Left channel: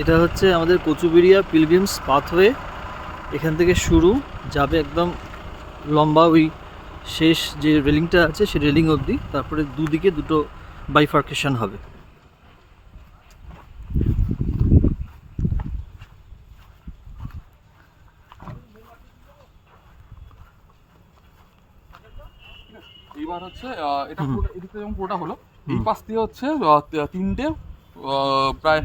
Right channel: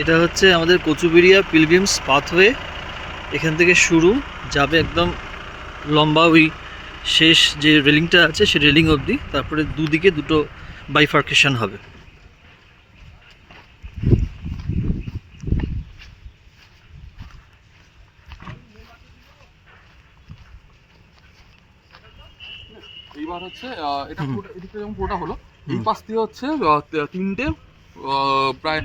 এটা হচ্ছে আমাদের কচুবেড়িয়া পিলগ্রিমস পাথওয়ে। এখান থেকে শুরু যাবে একদম লম্বা ওই শেষ যে রেলিংটা আছে সেই রেলিং অবধি, তারপরে দুদিকে দুটো বাইফার্কেশন হবে। এইবার হচ্ছে এটা পুরোটা এদিকটা যেমন পুরোটা হলো, এই পাশ দিয়ে হচ্ছে তিনটে প্রায়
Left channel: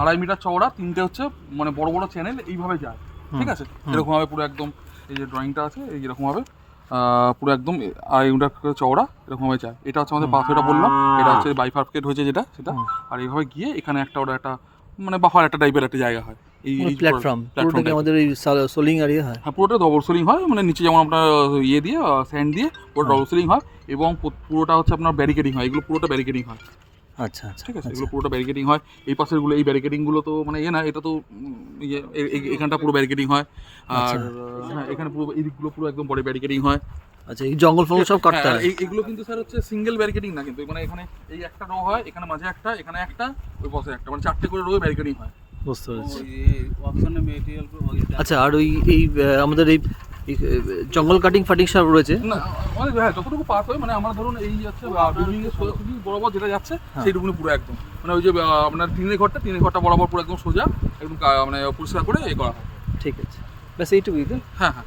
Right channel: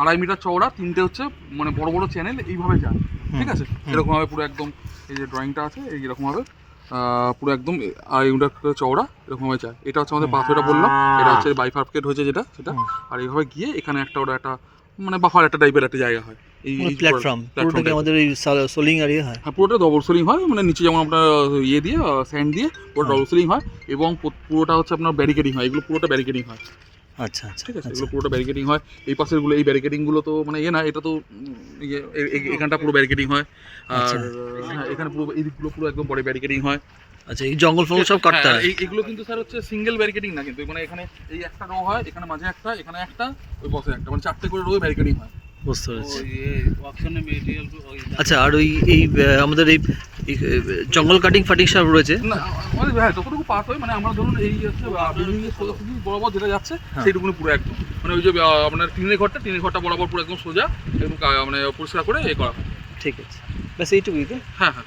2.5 মিটার চওড়া তিনটে হচ্ছে মানে বড় বড় চ্যানেল এইভাবে যায়, ঠিক আছে? এরকম ভাবে পুরো একদম এই যে ড্রয়িংটা আছে এইরকম ভাবে পুরো একদম 2.5 মিটার চওড়া এরকম ভাবে যায়। এটা হচ্ছে আমাদের পাথওয়েটা বললাম, এটা হচ্ছে বাইফার্কেট হয়েছে যেটা সেটা। আর এইভাবে গিয়ে এখানে একটা ওটা একটা মানে বাফার একটা টাইপের একটা জায়গা হয়, এই প্ল্যাটফর্ম পুরোটা কি আমাদের এই সোলিং এরিয়া হয়? হ্যাঁ, পুরোটা ডবল সোলিং হয়, মানে নিচে যেমন আপনার ইয়ে দিয়ে স্যান্ড দিয়ে পুরো ডবল সোলিং হয়, এবং পুরোটা হচ্ছে আপনার ব্যারিকেডিং হয়, এগুলো পুরোটা ব্যারিকেডিং হয়। আচ্ছা আচ্ছা, ঠিক আছে, এগুলো পুরোটা ব্যারিকেডিং হয়। এই পাশেরগুলো এই ব্যারিকেডিংগুলো তো মানে ইয়ে না, এটা তো ইয়ে এখানটা পুরো ব্যারিকেডিং হয়। আর হ্যাঁ, এখানে পুরো এই দিকগুলো পুরো একদম বড় ব্যারিকেডিং হয়। আচ্ছা, এই জঙ্গল ফঙ্গল সব কাটতে হয়? এইগুলো কিন্তু স্যার হচ্ছে সিঙ্গেল ব্যারিকেডিং না, কিন্তু মানে এখানে এই একটা রো হয়, এখানে মাঝে একটা, এখানে একটা, ওই পাশে একটা, মানে 4টে করে রো ব্যারিকেডিং হয়। বুঝতে পেরেছি। আচ্ছা, আর ওই এই আমাদের এই জঙ্গল কাটিং ফাটিং সব রয়েছে না, মানে হ্যাঁ যতটুকু পাস হয়, মানে আমরা ধরুন এই হচ্ছে বিল্ডিং এর সোজাসুজি বরাবর যেটা যাচ্ছে সেইটুকুনি পুরো একদম মানে ওই যে আপনার টিনের ঘরটা বরাবর পুরো একদম সোজা একদম মানে পরিষ্কার করে এ করা হয়। ঠিক আছে, ব্যাস এইটুকুই তো? হ্যাঁ হ্যাঁ।